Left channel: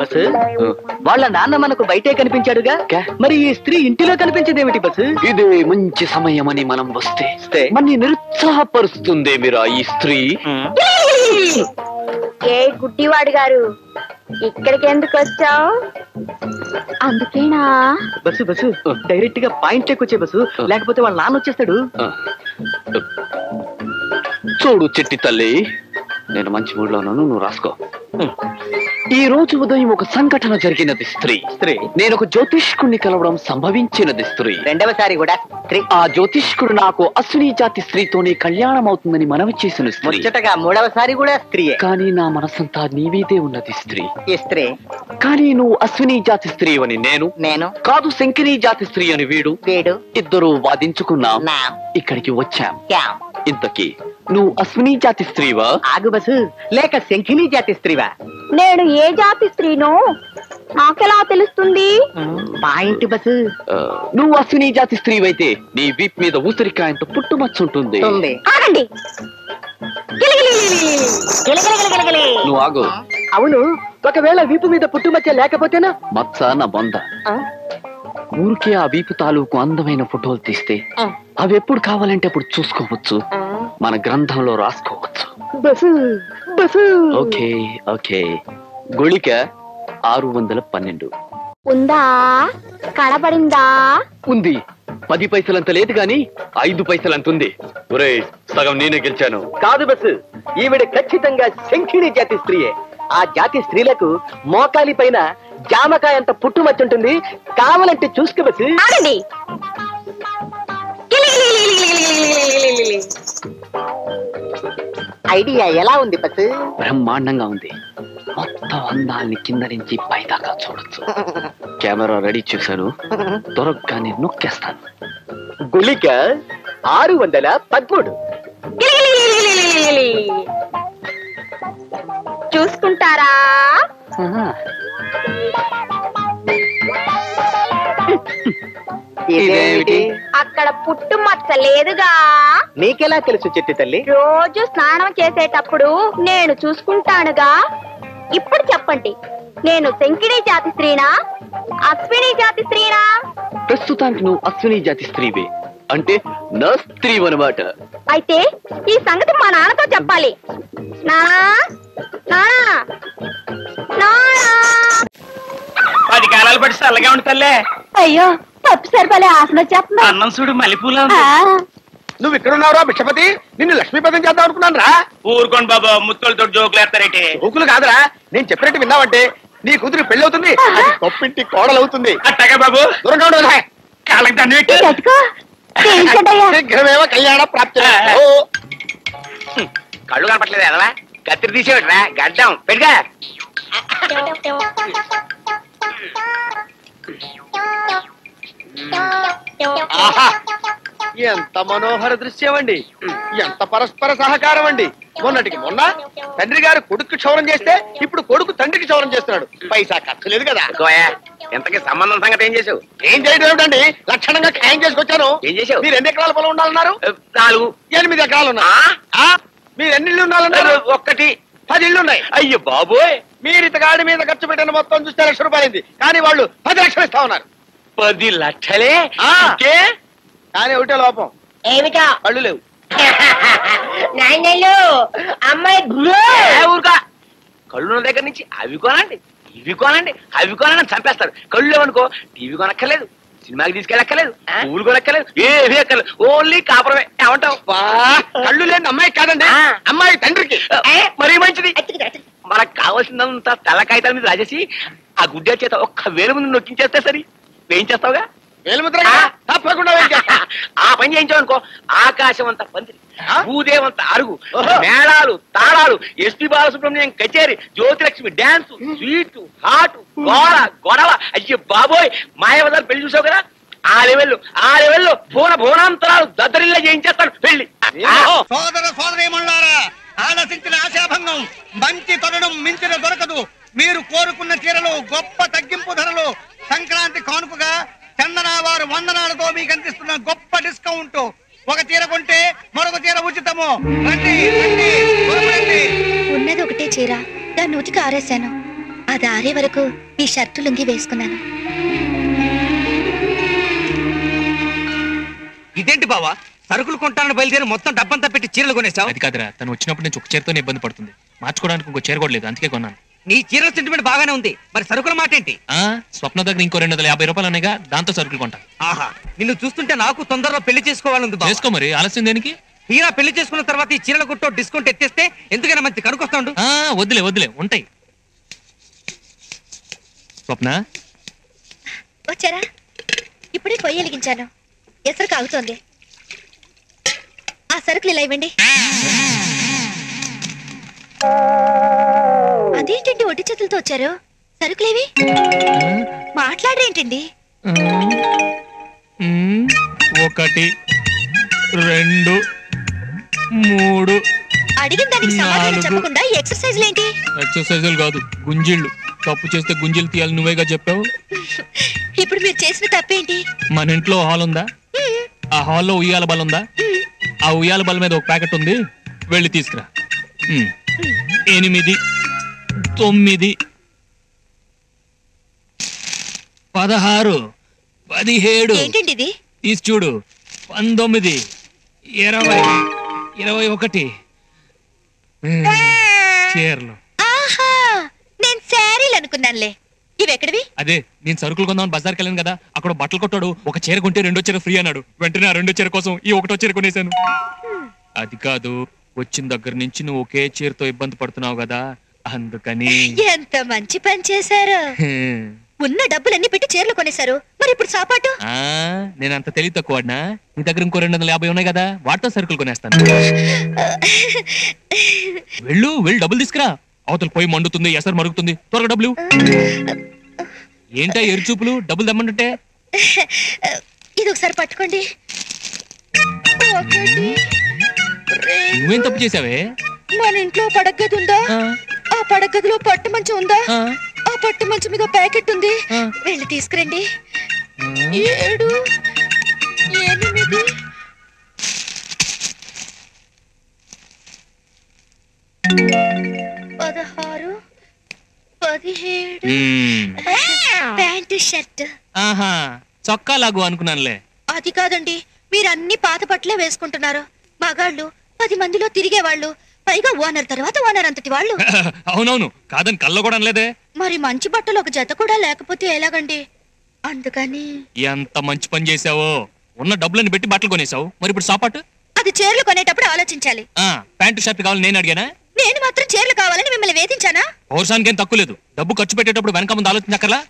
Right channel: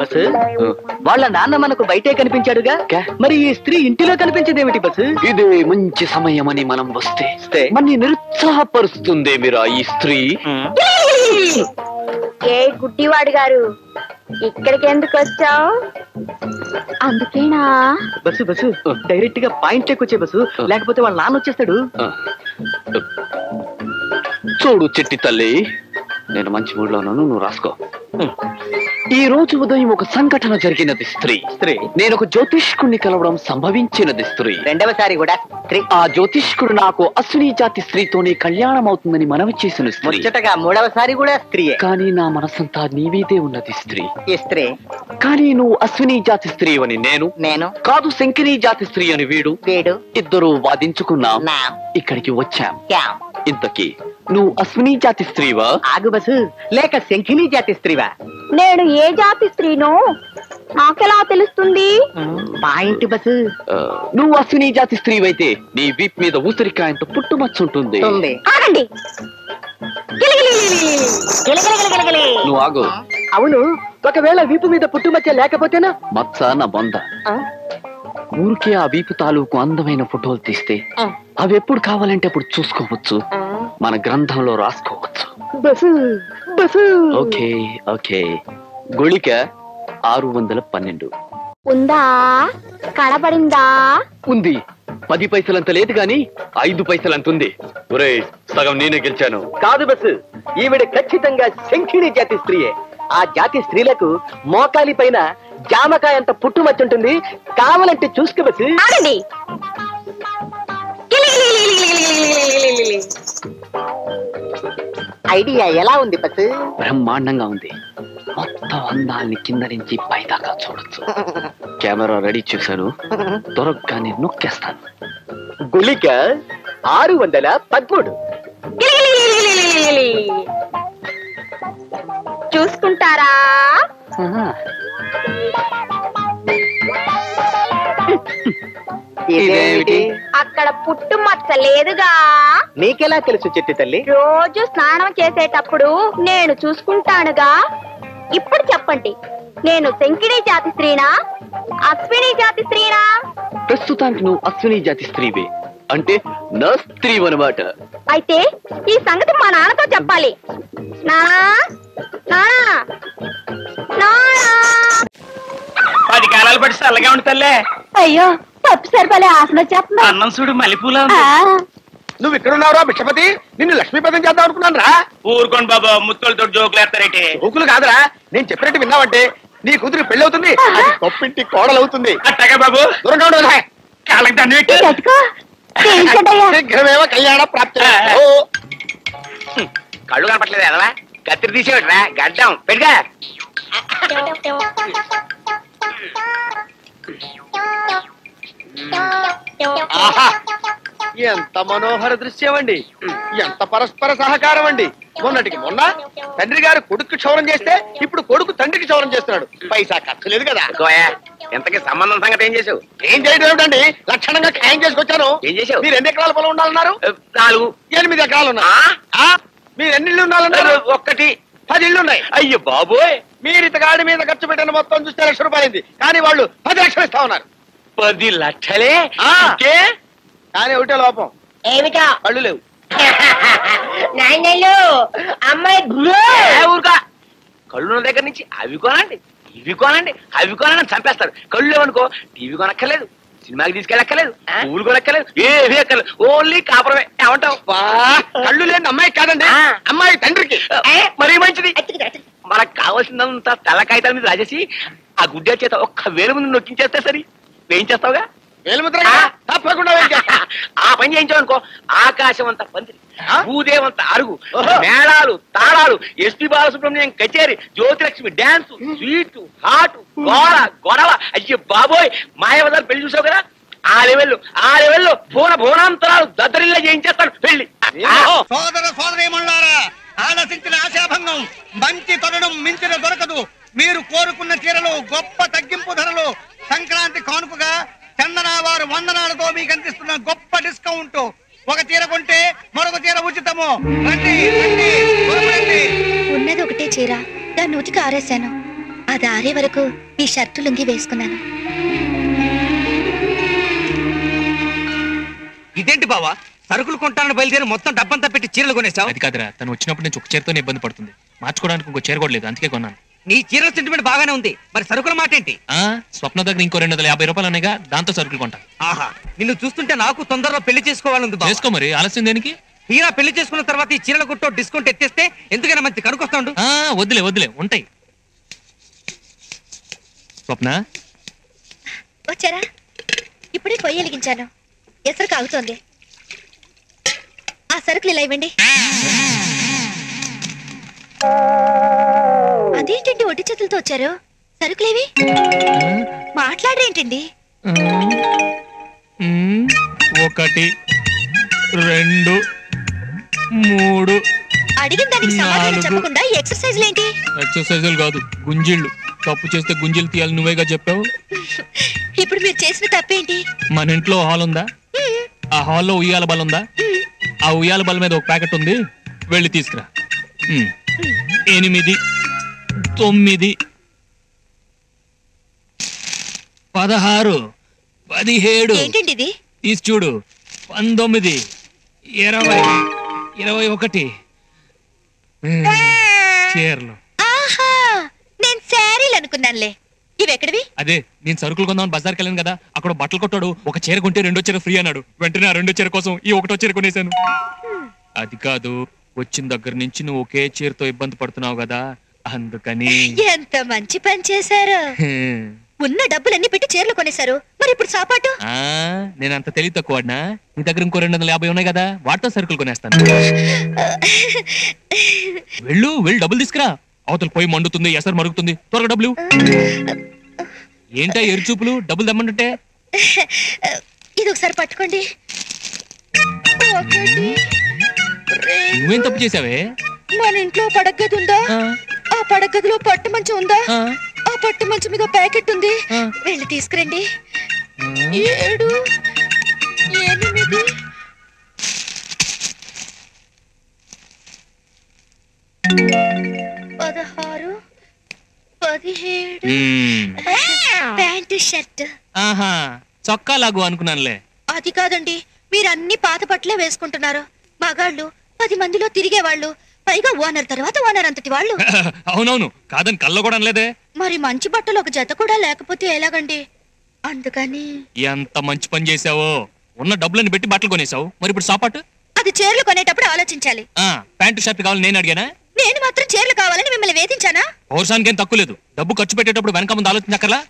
Bus వాళ్ళ నాన్న మనకు బయటే కనిపించాడుగా, మరి ఈ స్త్రీ ఇంటిలో కనిపించేదేమిటి బస్సు? ఇది మంచి సమయమని మనం వస్తే మన్ని నిరుత్సాహపరుస్తుంది మీరా ఈ స్త్రీ. ఏ గుడ్డివాడు గారు, ఇక్కడికి ఎందుకు వచ్చావు? అందుకేనా? బస్సు బస్సు డైరెక్ట్ గా పాయింట్ వచ్చే బస్సు, లేకపోతే వాళ్ళ నాన్న వచ్చేస్తాడు. చూడు చిట్టి తల్లి, నేను మంచి మూడ్ లో ఉన్నాను, నువ్వు రాసుకో. ఈ రోజు ఉదయం ఒక సంఘటన జరిగినది స్త్రీ. నేను ఒక జ్యోతిష్కుడిని కలవడం సంభవించినది స్త్రీ. రెండవసారి కూడా స్త్రీ. ఆ జ్యోతిష్కుడు నాకు అశ్విని జాతి స్త్రీతోనే కళ్యాణం అవుతుందని మనవి చేసిన స్త్రీ. ముచ్చటగా మూడవసారి కూడా స్త్రీయే. కానీ నా మనసంతా నీవీదే ఉన్నది స్త్రీ. ఈ స్త్రీ. కానీ నువ్వు అశ్విని జాతి స్త్రీ అని నేను కాదు, శంకిని జాతి స్త్రీ అని వీడు. ఇద్దరు వాదించుకున్నాం, ఇక్కడికి వచ్చాం. ఇంతకీ నువ్వు అశ్విని జాతి స్త్రీవా? ఆగు బస్సు, లేక శంఖిని జాతి స్త్రీవా? నేను ఏ జాతి స్త్రీనో నాకెలా తెలుస్తుంది? Point bus. నువ్వు అశ్విని జాతి స్త్రీవైతే నీ వీప్ మీద ఊసరికాయంత పుట్టుమచ్చుంటుంది. ఆగండి. నువ్వు ఆగు. అవును, ఒకవేళ వీపు మీద పుట్టుమచ్చ లేకపోతేనా? మచ్చ నా బొంద. ఊరికే ఆ వీపు తాలూకు అందమైన ఫోటోలు తీస్తే అవి ఎప్పుడు కావాలంటే అప్పుడు చూసుకోవచ్చు, మన గ్రంథంలో రాసుకోవచ్చు. Okay okay. గుళిక 612 ఉందా? కనబడిందా? ఉంది. 10 పైసలంత లేదు గాని 5 పైసలంత ఉంది. ఒరే, సగం నేనే గెలిచాను. కాదు బస్సు, ఈవిడ ఖచ్చితంగా శంఖిని జాతి స్త్రీయే. ఆ జాతి స్త్రీలకు మోకాలి పైన జామకాయ అంత పుట్టుమచ్చుంటుంది, కావాలంటే చూసుకో బస్సు. ఐడియా ఎలా ఉంది బస్సు? బ్రహ్మాండంగా ఉంది. మొత్తం అందాల్ని కింద నుంచి పైదాకా చూడొచ్చు. కెమెరా రెడీ చేశాను, దొరకగానే నొక్కేస్తాను. గుళిక 613. చూసుకుంటారా? ఇదేమిటి? అక్కడ పుట్టు మచ్చ లేదుగా. నీకెలా తెలుసు చిట్టి తల్లి? రోజు స్నానం చేసేటప్పుడు నేను చూసుకుంటానుగా. ఇప్పుడు చెప్పండి, నేను శంకిని జాతి స్త్రీనా, అశ్విని జాతి స్త్రీనా? ప్రస్తుతానికి నువ్వు అశ్విని జాతి స్త్రీవే, అంటే నా స్త్రీ అన్నమాట. అయితే ఈ సంగతి మా నాన్నతో చెప్పాలి. నానా, నానా, నానా. 10 కాలాలు పట్టి చల్లగా ఉండి తల్లే. అయ్యో, పప్పు సరిపలే ఆసన వచ్చేస్తుంది. అన్నం చూడు మల్లెపూలా. నువ్వు ఇక్కడ ఉన్నావురా భిక్షపతి? నిన్ను లక్ష్మీపదం చేద్దాం అనుకున్నాను రా. ఊరుకోండి బాబా, ముత్తులతో జోకులు వేస్తారేంటి? జోకులు కాదురా, నేను చెప్పినట్టు విన్నావంటే నీ కూతురు పెళ్లి అవుతుంది, అది గొప్పింటి కోడలు అవుతుంది. అట్టగా బాబు, దూరంగా ఉండదు. కాళ్ళకి దండ పెట్టి శీఘ్రమేవ కళ్యాణ ప్రాప్తి. కళ్ళు కనపట్లేదు ఎదవా, కత్తిరి తీసేవట్రా, గడ్డం పెట్టుగా. ఆహా, ఎంత మనోహర దృశ్యం అండి, ఎంత పరస్పర సహకారం అండి. మొన్నటికి మొన్న తండ్రి గారు కొడుకు క్షౌరం చేస్తే ఇప్పుడు కొడుకు తండ్రికి క్షౌరం చేస్తున్నాడు. పైసా ఖర్చు లేదు కదా. ఎంతకి సంబంధం సంగతి ఏం చేసావు? ఏం చేయడం ఏమిటండి, లక్షణంగా ఖాయం చేసుకొచ్చాను. ఏం చేసావు? మీరు ఎన్ని ఎకరాల పొలం ఉండాలన్నారు? 4. 8 ఎకరాలు ఉన్నా. మీరు ఎన్ని ఇళ్ళు ఉండాలన్నారు? 1. 10 ఇళ్ళు ఉన్నాయి. అయ్యో బాబోయ్, మీరు ఇతగాడి మీద ఖర్చు పెట్టిన మొత్తం చూస్తే ₹1,00,000, కానీ వాళ్ళు 10 లక్షలు ఇస్తా ఉన్నారు. 10 లక్షలే? కానీ ఒకటే లోపం. ఏమిటా? కళ్ళు లేవు. నాయనలు అమ్మాయి ఊరుకా. కళ్ళు దగ్గర నుంచి అవి కొనండి, ఇవి కొనండి, అవి కొనండి చంపేస్తారు. కళ్ళు లేవనుకో, టీవీ కొనక్కర్లేదు, సినిమాకి తీసుకెళ్ళక్కర్లేదు, పువ్వులు కొనక్కర్లేదు, ఏమీ అక్కర్లేదు, ఓన్లీ కాపురమే. ఏమంటావు? కళ్ళు లేని అమ్మాయి కాదండి, అమ్మాయి తండ్రికి. మరీ మంచిది. మనకు కావాల్సిందంతా తెల్ల కాగితాల మీద రాసేసి ఆ గుడ్డ చేత ఒక్క వేలు ముందు నొక్కించేస్తే సరి. వేయించేస్తావుగా? వేలుముద్ర తప్పకుండా. ఆ పని చేయించావనుకో, ఆకాశం అంత పందిరి, భూదేవంత అరుగు, మేళాలు, తాళాలు, ఎస్పి బాలసుబ్రహ్మణ్యం కచేరి, జ్యోతిలక్ష్మి డాన్స్, స్వీట్, హాట్, గొడవ. అయ్యో బాబోయ్, మాయావదాలు పెళ్లి చూసావు కదా, ఆ లెవెల్లో భువనాంతరాలు దద్దరిల్లా చేయించేస్తాను పెళ్లి. సోదర సోదరీమణులారా, ఆలసించిన ఆశాభంగం, మంచి తరుణం మించిన దొరకదు. మీరు కోరుకున్న చీరలు గొప్ప తగ్గింపు ధరలు, సంక్రాంతి కానుకగా చందన వారు వందనాలతో మీకు అందిస్తున్న గొప్ప డిస్కౌంట్. ఒక చీర కొంటే మరొక చీర ఉచితము. రండి రండి త్వరపడండి. ఉన్నది ఒకటే చీర, దాన్ని ఉతికి ఆరేశాను. అది ఆరే వరకు ఈ షర్టు లుంగి వేసుకున్నాను. ఇదేంటి బావా, సరుకులు కొంటానని బయలుదేరి మొత్తం డబ్బంతా పెట్టి చీరలు కొనేసావు? అది కాదురా, తను వచ్చినప్పుడు నుంచి ఒక చీరతోనే ఇబ్బంది పడుతుంది. మార్చుకోవడానికి ఇంకో చీర కూడా లేదు, అందుకే కొన్నాను. నీ చీరల సెంటిమెంట్ బాగానే ఉంది, మరి సరుకుల మాట ఏంటి? స్వప్న దగ్గర ఇంకో 250 రూపాయలు అనేగా, దాంతో సరుకులు కొంటా. ఆహా, నిన్ను చూస్తుంటే నాకు తొందరలో పెళ్లి చేసుకోవాలంది. చేసుకో మరి, ఆలస్యం దేనికి? తీరా పెళ్లి చేసుకున్న తర్వాత ఈ చీరల కొట్టో డిస్కౌంట్ ఎత్తేస్తే ఎందుకైనా మంచి కనుకొస్తాడు. వద్దులే వద్దులే, ఉంటాయి. స్వప్న వచ్చారా? ఇప్పుడే పొయ్యి వెలిగించాను, ఎసరు కాగుతోంది. ఆ సరుకులు ఇలా ఇవ్వండి. అదేంటండి ఒట్టి చేతులతో వచ్చారు? సరుకులేవి? మాట్లాడరేంటండి? 1 2 3 అడిగిన దానికి సమాధానం చెప్పకుండా ఈ ఎక్సర్సైజ్లు ఏంటి? ఎక్సర్సైజులు కాదు, గుంజిళ్ళు. తప్పు చేస్తే గుంజిలు తీయాలి, నువ్వేగా చెప్పావు. ఇప్పుడు మీరు చేసిన తప్పేంటి? మన ఇంట్లో హాల్ ఉందా? ఆ హాల్లో ఉయ్యాల బల ఉందా? ఆ ఉయ్యాల బల మీద ఒక ప్యాకెట్ ఉంది, వెళ్ళి తీసుకురా. 8 9 16 17 ఏంటండి ఇది? తీసి చూడు. 19 20 21 చీరలు. ఆహా, నేను శారీలు అనుకున్నానులే. ఇవి ఎక్కడివి? అదే, నేను సరుకులు కొందామని బజార్కి వెళ్ళాను కదా, అక్కడ బట్టలు కొట్టాడు. ఒక చీర కొంటే 2వ చీర ఫ్రీ అన్నాడు. వెంటనే ఆ 2వ చీర కోసం ఈ 1వ చీర కొనేశాను. అది కాదు, వచ్చిన దగ్గర నుంచి నువ్వు ఒకే చీరతో ఇబ్బంది పడుతున్నావు కదా, అందుకని. ఎంత మంచి పని చేశారు. ఉన్న డబ్బులన్నీ పెట్టి చీరలు కొనేశారు, మరి ఇప్పుడు సాపాటు? నేనంత తెలివి తక్కువనా? నీ దగ్గర ఇంకో 250 ఉన్నాయి కదా, వాటితో సరుకులు కొనేస్తాను. వెళ్ళు డబ్బులు తీసుకురా. అవతల పోయి మండుతుంది, ఎసరు మరుగుతుంది, త్వరగా డబ్బులు. ఏంటా ఎరుచూపులు? డబ్బులు దమ్మంటే ఇది ఒకసారి పట్టుకోండి. నువ్వేం తప్పు చేసావే? మన ఇంట్లో పడగది ఉందా? ఆ పడగదిలో పట్టు మంచం ఉందా? ఆ పట్టు మంచం మీద ప్యాకెట్ ఉంది, వెళ్ళి తీసుకురండి. 7 8 16 17 ప్యాంటు షర్ట్. ఆహా, చొక్కా లాగు అనుకున్నానులే. అది కాదండి, మీరు అన్ని పాత బట్టలే వేసుకుంటున్నారు. మగాళ్ళు 10 మందిలో తిరిగేవాళ్ళు, పైగా ఓనర్ తర్వాత ఓనర్ అంతటి వాళ్ళు. అవునవును, కాదని కళ్ళ కూడా అనలేదే. మరి మంచి బట్టలు ఒక జత కూడా లేకపోతే ఎలాగండి? అందుకని. ఎంత మంచి పని చేసావో, ఉన్న డబ్బులను పెట్టి బట్టలు కొనేసావు, మరి ఇప్పుడు సాపాటు? అది చీరలు కొనేటప్పుడు ఆలోచించాలి. ప్యాంటు షర్ట్ కావాలి నేను అడిగానా? నేను మాత్రం చీరలు కావాలని మిమ్మల్ని వేధించానా? పౌరుషానికి ఏం తక్కువ లేదు. డబ్బు ఖర్చు పెట్టేటప్పుడు వెనక ముందు ఆలోచించక్కర్లా.